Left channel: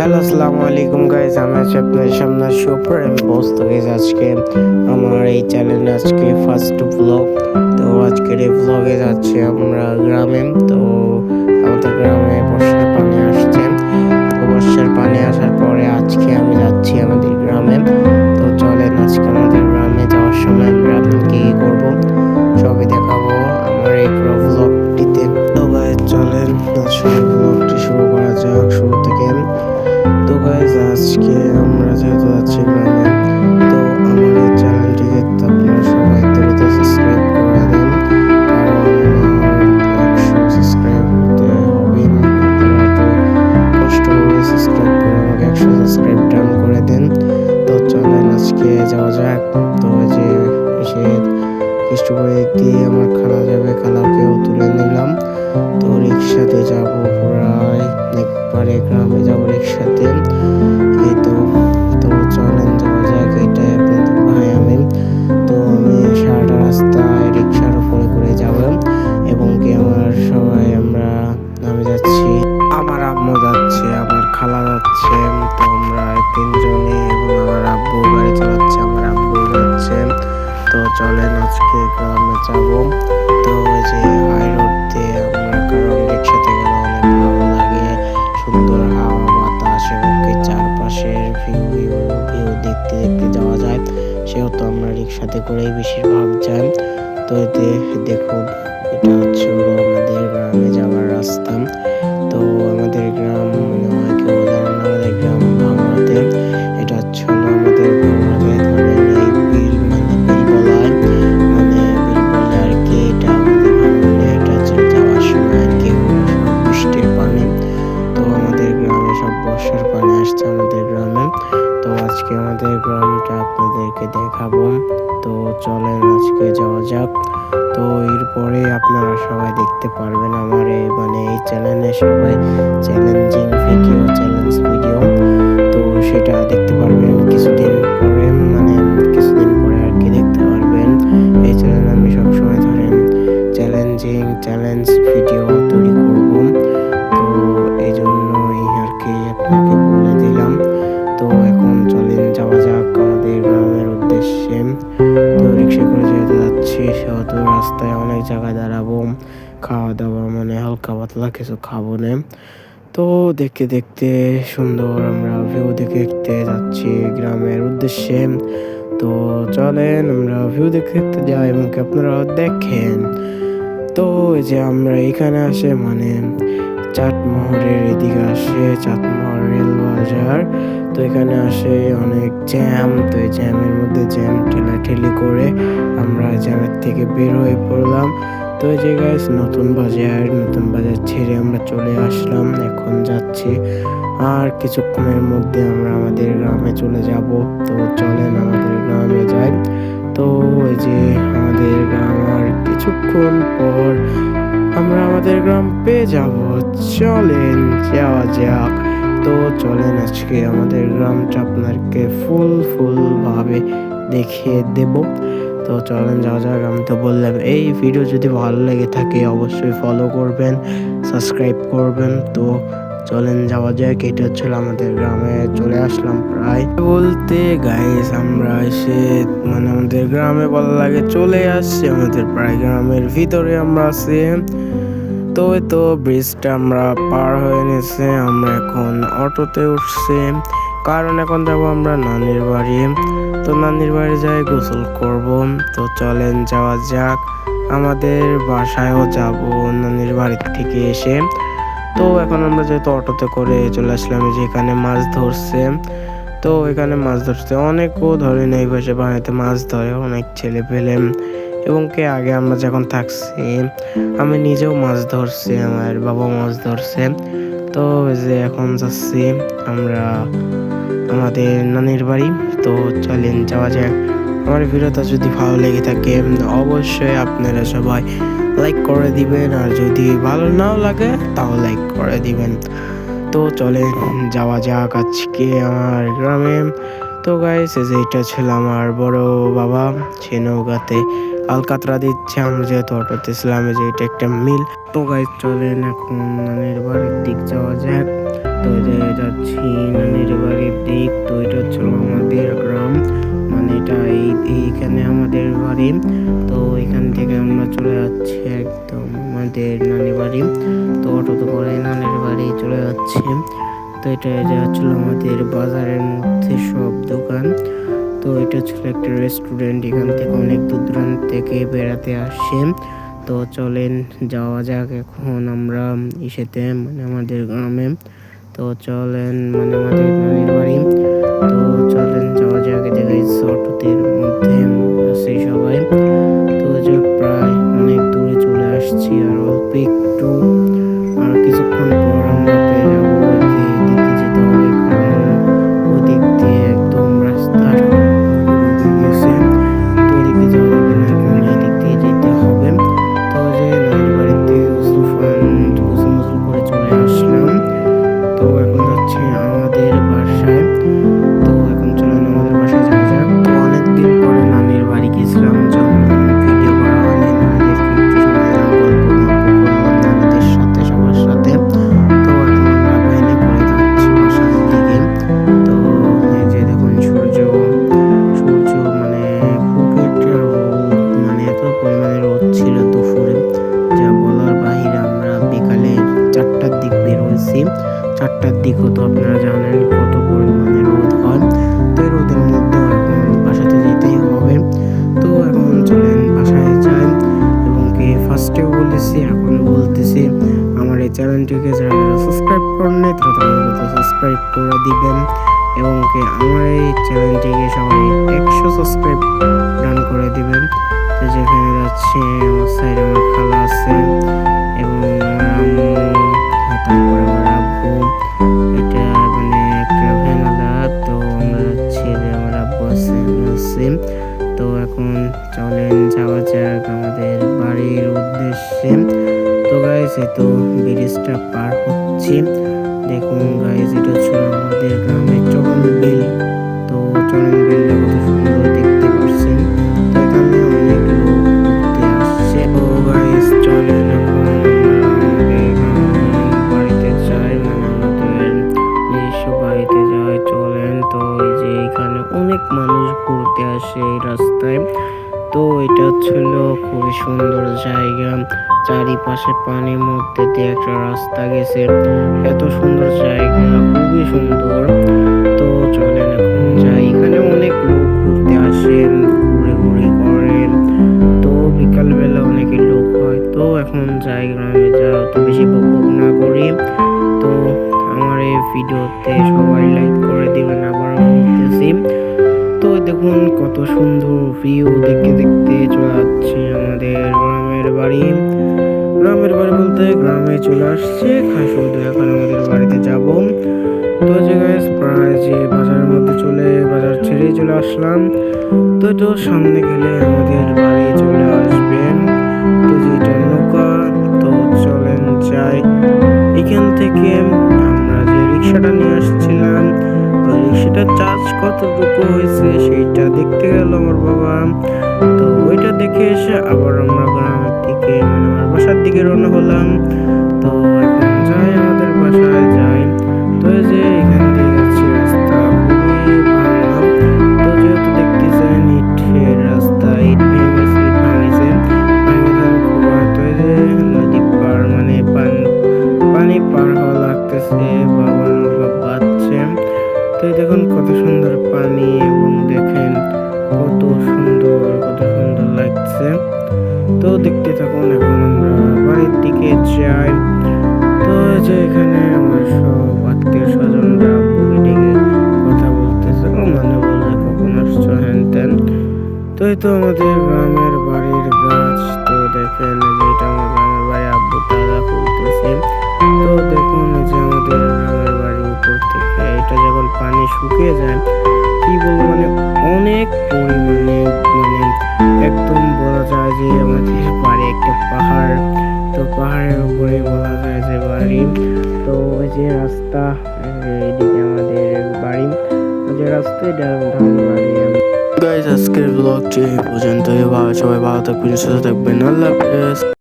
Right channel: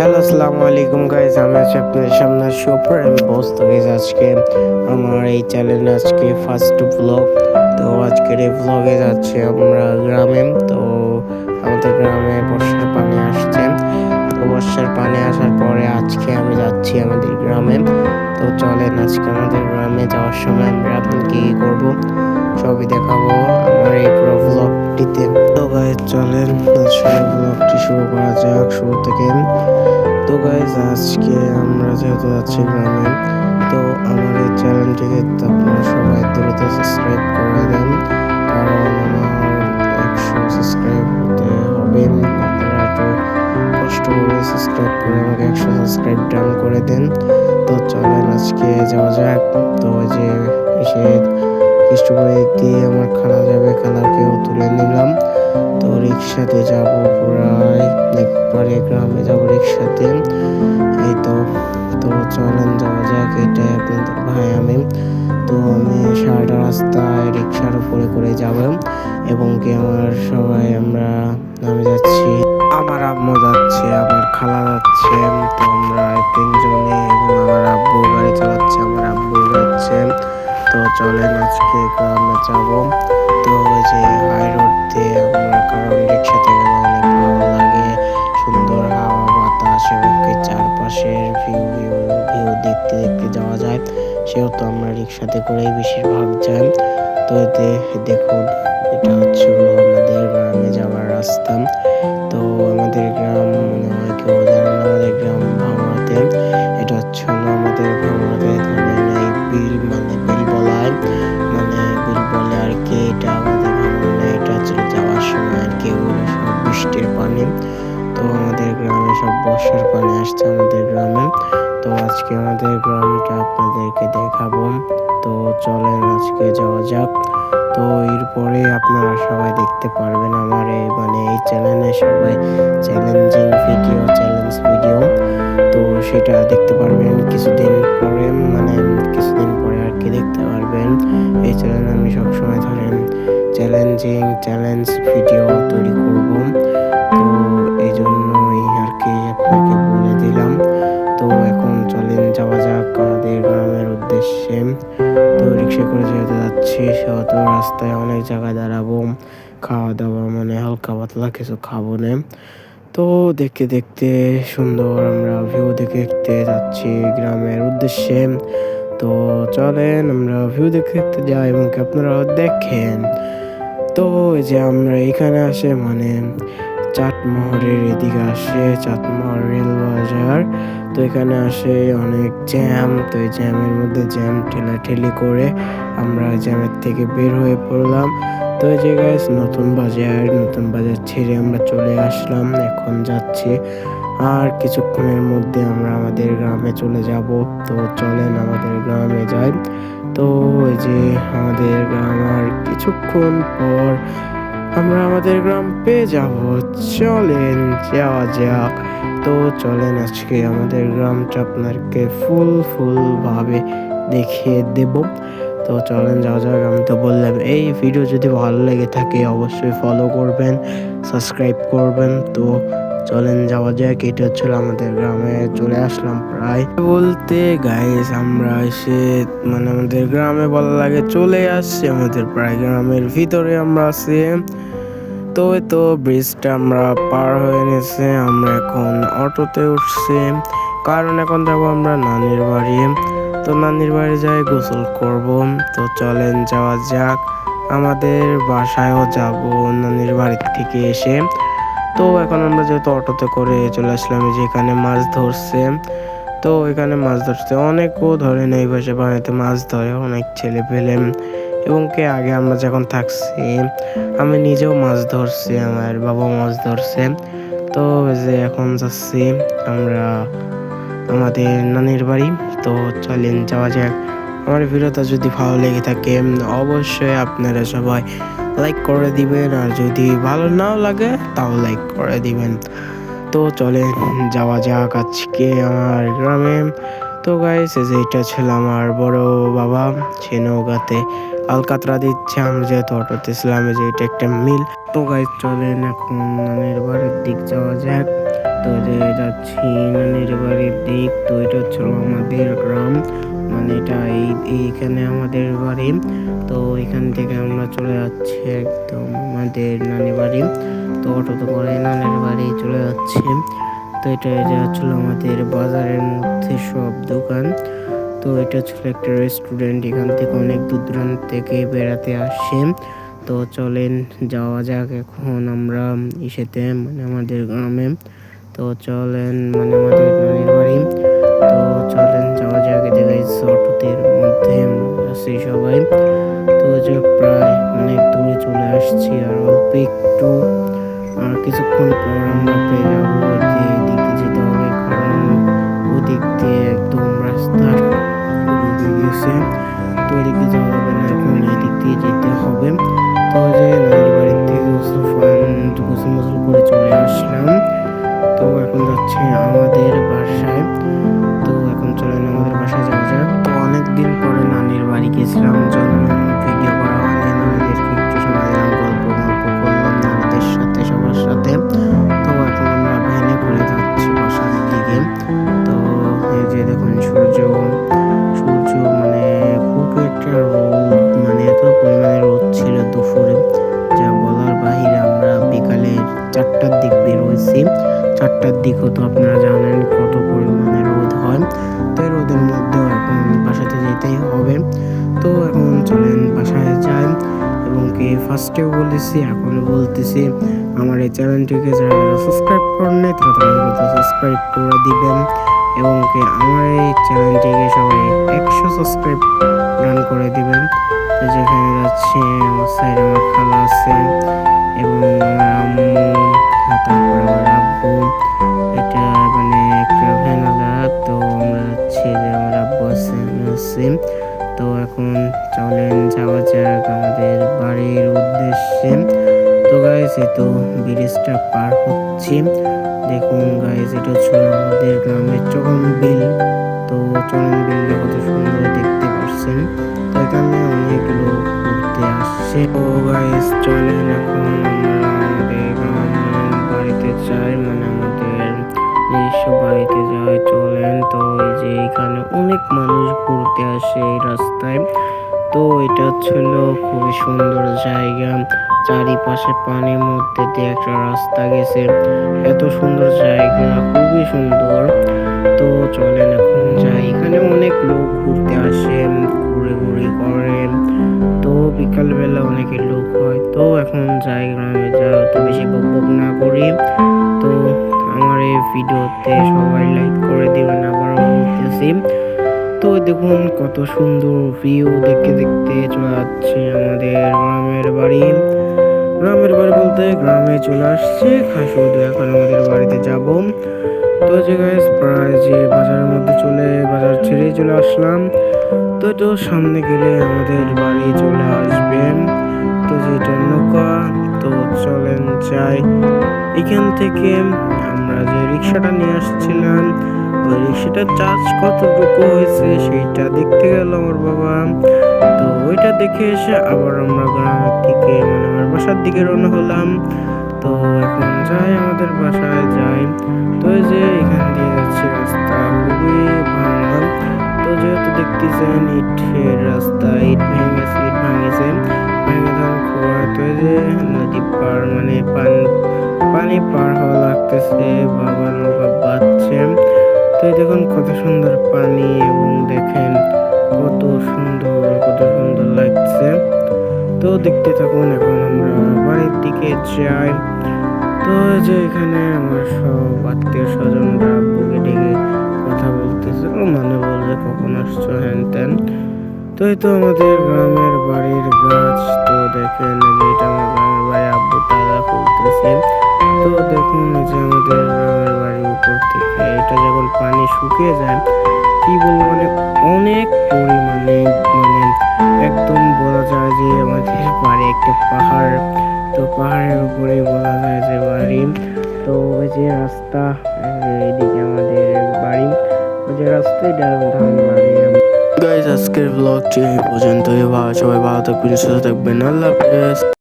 Hello, আসসালামু আলাইকুম guys. আমি আছি আপনাদের সামনে সুপার বস। তো গাইস, আজকে আমার এই চ্যানেলে আজকে ফার্স্ট ব্লগ। তো আজকের এই ব্লগে যাচ্ছি আমরা গ্রামে। তো আমাদের গ্রামে বর্ষার পানি আসছে। তো বর্ষার পানি আসার পরে আজকে আমি যাচ্ছি আমাদের গ্রামে। তো চলেন আজকে আমাদের গ্রামে যাওয়ার সময় আমরা কি কি করবো সবই দেখাবো আমার এই পুরো ব্লগটিতে। তো গাইস চলেন আসলে ব্লগটি শুরু করা যাক শুরু থেকে। তো গাইজ, আজকে আমরা যেহেতু যাচ্ছি গ্রামে, তো আমার এই চ্যানেলটিকে আপনারা সবাই দ্রুত সাবস্ক্রাইব করে দেন, কারণ আমার 100 সাবস্ক্রাইব হতে হবে। আপনারা একটু কষ্ট করে সাবস্ক্রাইব করে আমাকে 100 সাবস্ক্রাইব ডান করে দেন। তো চলেন আজকে যাওয়া যাক। তো ওই যে এসে কষ্ট করে দিয়ে আমার খালা যাবে, খালাকেও তুলে নিলাম। তো রিক্সাতে যাব, প্রায় একবারে গ্রামে যাব রিক্সাতে। এই তো তো চলেন যাওয়া যাক। এটাই আপনাদের ভাই আমি। তো আমি সারাটা রাস্তায় রিক্সার উপরে করে যাব, এবং কি আমার সবাই আমি যাচ্ছি, আমার আম্মু যাচ্ছে, আমার খালা যাচ্ছে। তো আমরা তিনজনে, এবং আমার আব্বু গাড়ি চালাচ্ছে, আমার আব্বু যাচ্ছে। তো চলেন আজকে গ্রামে যাব। তো ওই যে হাই রোড দিয়ে আমরা, কারণ রিক্সাতে গেলে অনেক ভালো লাগে, সুন্দর হাওয়া বাতাস এবং কি চারপাশের ভিউ ভিউ ভিউ দেখতে দেখতে যাওয়া যায়। সেহেতু আমরা রিক্সাতে করেই বেশিরভাগ যাই। তো এতে দেখুন, এটা হচ্ছে হলো আমাদের গ্রামে যাওয়ার রাস্তা। তো আমাদের গ্রাম মনে হয় কেউ জানেন না, আমাদের গ্রাম ভাঙড়াতে। এটা হচ্ছে হলো আমাদের ভাঙড়াতে ধরেন এই বিল, মানে বিল বলা হয়, মানে বিল বলে আর কি। এটা আমাদের ভাঙড়া না, এটা হচ্ছে যাওয়ার সময় আর কি, এগুলো সব বৃষ্টির পানি। তো আমাদের গ্রামে সব বর্ষার পানি আসছে আমাদের গ্রামে। তো আজকে আমাদের গ্রামটা আপনাদেরকে দেখাবো। তো চলেন আজকে যাওয়া যাক। তো এরপরে আপনারা সবাই দেখতে পারবেন আমার এই চ্যানেলে সবাই চ্যালেঞ্জ ভিডিও। তো সেটা দেখতে পারবেন কিছুদিন পরে, মানে কিছুদিন পরে আর কি দেখতে পারবেন। এই চ্যানেলে আমি সবসময় ধরেন চ্যালেঞ্জ ভিডিও তৈরি করব। তো এই জন্যই আর কি আপনাকে বলে দিলাম। তো এখন চলেন যাওয়া যাক আমাদের গ্রামের উদ্দেশ্যে। তো রিক্সা করে যেহেতু যাচ্ছি, সেহেতু রাস্তায় অনেক জায়গায় দাঁড়াবো, খাওয়া দাওয়া মানে হালকা পাতলা কিছু খাবো না। তো দেখতে দেখতে সুন্দর আমরা ভিউ দেখে দেখতে যাচ্ছি গ্রামের উদ্দেশ্যে। তো চলেন আমরা ভিউ দেখতে দেখতে যাই, এবং আপনারাও দেখেন। তো এই যে আমরা এখানে আসে, মানে চাটমোহরের এদিকে আসে, চাটমোহর রেল বাজার। তো এখানে আসে অনেক জ্যাম। তো এই জ্যামের মধ্যে জ্যাম ঠেলাঠেলি করে আমরা জ্যামের থেকে বের হয়ে পড়লাম। তো এই যে গাইস, নতুন বাজার ছেড়ে আমরা চলে আসলাম, এখন যাচ্ছি। আর কিছুক্ষণের মধ্যে আমরা আমাদের গ্রামে চলে যাব। তো চলেন আমাদের গ্রামে যাই। তো এই যে আমাদের গ্রাম, আর কিছুক্ষণ পর আমরা আমাদের গ্রাম পেয়ে যাব। চলেন যাওয়া যাক। তো চলেন আজকে আমাদের গ্রামটা আপনাকে ফুল ভাবে দেখিয়ে দেব। তো চলেন যাওয়া যাক। আমি তো বললাম, এই ভিডিও যদি ভালো লেগে থাকে অবশ্যই ফলো করবেন, সাবস্ক্রাইব করবেন। তো চলেন যাওয়া যাক। এটা হচ্ছিল আমাদের গ্রামে চলে আসলাম প্রায় বলতে গাইস, আমরা এসে মানে আমাদের গ্রামে বলা লাগে চলে আসছে, আমাদের প্রায় গ্রামের ভিতরে আমরা আছি। তো এই তো ব্রিজটা আমরা পার হয়ে নিয়েছে, আমরা এখন অটোতে উঠছি, কারণ এখন যাব আমরা নানির বাড়ি। তো নানির বাড়ি যাই গোসল করব। তো চলেন যাওয়া যাক। আমাদের বাসায়ও যাব নানির বাড়ির থেকে এসে। তো এখন আমরা যেহেতু অটোতে করে চলে আসলাম, যে এখানে মাছ ধরছে। তো এখানে মাছ ধরছে অনেকও ধরে, এই পাশে বাড়িতে মাছ ধরে অনেক ছেলে পেলে, এবং কে আগে আমরা যখন থাকছি আমি নিজেও মাছ ধরছি, আমার বাবা মাছ ধরছে। তো যে এখন যাচ্ছি আমরা আমাদের নানির বাড়ি। তো চলেন যাওয়া যাক। আমার ভিডিওটা যদি ভালো লেগে থাকে অবশ্যই আপনারা সবাই লাইক করে দিবেন, আর যদি ভালো নাও লাগে তাও লাইক করে দিবেন। তো চলেন যাওয়া যাক আজকে আমার গ্রামে। তো গাইস, এই যে এটা ছিল আমার বড় বাবা, সে নৌকাতে আলকাতরা দিচ্ছে, আমরা যেহেতু অটোতে ছিলাম। যে এটা একটা মিল। তো গাইস চলেন এখন নানির বাড়ির দিক যাওয়া যাক। তো এই যে যাচ্ছি নানির বাড়ির দিক। তো এটা হচ্ছিল আমাদের গ্রাম, মানে এটা এইখানে আমাদের বাড়ি। তো এখান থেকে আমরা চলে যাচ্ছি একদম আমাদের নানি বাড়ি। তো অটোতে করে নানির বাড়ি চলে যাচ্ছি। তো এটা হচ্ছিল আমাদের বাজারের মধ্যে সব দোকান। তো এটা ছিল একটা রেস্টুরেন্ট, এখান থেকে অনেক দূর দূরান্ত থেকে বেড়াতে আসে। তো চলেন যাওয়া যাক এখন আমরা ইসেতে, মানে আমাদের গ্রামে। তো চলেন, মানে আমাদের নানির বাড়ি। তো চলেন যাওয়া যাক। গাইস অটোতের মধ্যে আছি সবাই। তো যে প্রায় অনেক দূরে চলে আসছি, আর অল্প একটু, আর কিছুক্ষণ পর আমরা পেয়ে যাবো যে দিকে যেতে হবে, কারণ ওই দিক দিয়ে একদম রাস্তা ডুবে গেছে। তো ওই দিক দিয়ে যাওয়া যাবে না, এখন এই দিক দিয়ে যেতে হবে। তো যে নানির বাড়ির থেকে গোসল মোসল করে চলে আসলাম। তো এখন যাচ্ছে আমাদের বাসায়। তো এখন চলেন আমাদের বাসায় যাওয়া যাক। তো অনেকদিন পরে নানির বাড়ি গেছিলাম, জন্য ভিডিও করা হয়নি। নানিদেরকে একটু সময় দিলাম, গল্প করলাম নানিদের সাথে, সবার সাথে। তো এখন আমরা ভ্যানে করে যাচ্ছি বাসার দিকে। তো এই যে দেখুন সূর্য মানে খুব একটা রোদ, মানে এত পরিমাণে রোদ ছিল দুপুরে, যা বলার বাহিরে। আমরা বিকালের 4টার দিক বের হয়েছি। 4টার দিকও তো আপনারা জানেন কত পরিমাণে রোদ হয়। তো এই রোদের মধ্যেও এখন বাসাতে যেতেই হবে। তো এখন চলেন বাসায় যাই। এবং কি ফার্স্টেও বলেছি, এখনও বলতেছি, আমার এই চ্যানেলটিকে যারা সাবস্ক্রাইব করেন নাই তারা সাবস্ক্রাইব করে দিবেন। এবং কি আমার এই চ্যানেলটিকে সবাই 100 সাবস্ক্রাইব ডান করে দিবেন। তো যেখানে যাচ্ছে আমার সাইডে আমার খালা আছে এবং আমার আম্মু, তারপর আমার আব্বু। এটা মানে একটা ভ্যানালা। তো আমরা যাচ্ছি, যে আমার আব্বু আছে, আমি আছি। তো এখন চলেন যাওয়া যাক আমাদের বাড়ির উদ্দেশ্যে। তো গাইস এই তো ব্রিজটা পার হচ্ছি। দেখুন গাইস, এটা ছিল আমাদের গ্রামের চরণ বিল। তো চরণ বিলটা কত সুন্দর দেখতে পাচ্ছেন। তো এখানে অনেক লোক ঘুরতে আসছে। তো গাইস চলেন এখন আমরা আমাদের গ্রামের বাড়িতে যাই, মানে আমাদের নিজস্ব বাড়িতে যাই। চলেন। তো এই যে এখানে অনেক মানুষ ঘুরতে আসে এই রাস্তায়। তো এটা ছিল খুবই সুন্দর জায়গা, চারিপাশে পানির মধ্যে দিয়ে একটা রাস্তা গেছে। এত সুন্দর জায়গা, খুবই সুন্দর। তো চলেন এখন যাই। এখানে অনেক লোক ঘুরতে আসে, ঘুরে করে। তো বিকালবেলা অনেক লোক হয়। তো এখন যাই গ্রামে, যাও তো বেশি বকবক না করি। তো আমার এই ভিডিওতে সবাই লাইক করে দিবেন, আবারও বলতেছি। তো দেখুন কত সুন্দর ভিউ, দেখতে দেখতে চলে যাচ্ছে আমাদের গ্রামের বাড়ি। গ্রামের বাড়ি বলতে গ্রামে চলে আসছে, শুধু এখন আমাদের বাড়িতে যাব। তো যে গাইস প্রায় যে বাজারের মধ্যে বাজার ছেড়ে চলে আসলাম। তো তো সামনে গেলে আমাদের বাড়ি চলে আসবেন। তো যেটা নৌকা। তো চলেন যাই। এখান থেকে আমরা যে রিক্সাটা নিয়ে আসছিলাম, ওই রিক্সাটার চার্জ কতটুকু হয়েছে সেইটা দেখতে গেল আমার বাবা। তো ওইটা দেখে এসে আবার আমরা গ্রামের দিকে, মানে আমার বাসার দিকে রওনা হলাম। তো এখন যাই আমাদের বাসায় যাই। তো এই যে এখান দিয়ে যাচ্ছি, রাস্তা খুবই ভাঙা। তো যেহেতু দেখতেছেন ইটের রাস্তা, ইট ভাঙেছে, ভেঙে খোয়া। তো এই যে নদী পার, মানে পানি পার হওয়া লাগতেছে, বাবা নৌকা বাঁধছে। তো এই দেখুন কত সুন্দর পানি, এবং দেখেন কত সুন্দর লাগছে। তো দেখতে থাকুন। এখন আমরা বাড়ির দিকে যাই। তো যে এখানে আমার সব আত্মীয় স্বজনরা আব্বুকে ডেকে কথা বলতেছে, ও মানে বলছে কখন আসছো হ্যান ত্যান। তো এই তো আমাদের গ্রামের বাড়ির গাছ। তো দেখেন যে এটা আমার গ্রামের বাড়ি, আব্বু তাজা খুলতেছে। তো দেখুন যে আমাদের গ্রামের বাড়ির উপর থেকে এটা যখন পানি শুকিয়ে যায়, কি বলবো, মানে অনেক পরিমাণে, মানে একদম বলা যায় যে আমাদের বাড়ি একটা পাহাড়। তো পাহাড়ের উপরে বলা যায় যে বাড়ি। তো ওই যে রাস্তা, এইদিকে আমাদের বাড়ি, ওই যে রাস্তায় ধরেন বাড়ি। গাইজ আজকের ব্লগটি এই পর্যন্তই। সবাই ভালো থাকবেন, সুস্থ থাকবেন। আল্লাহ হাফেজ।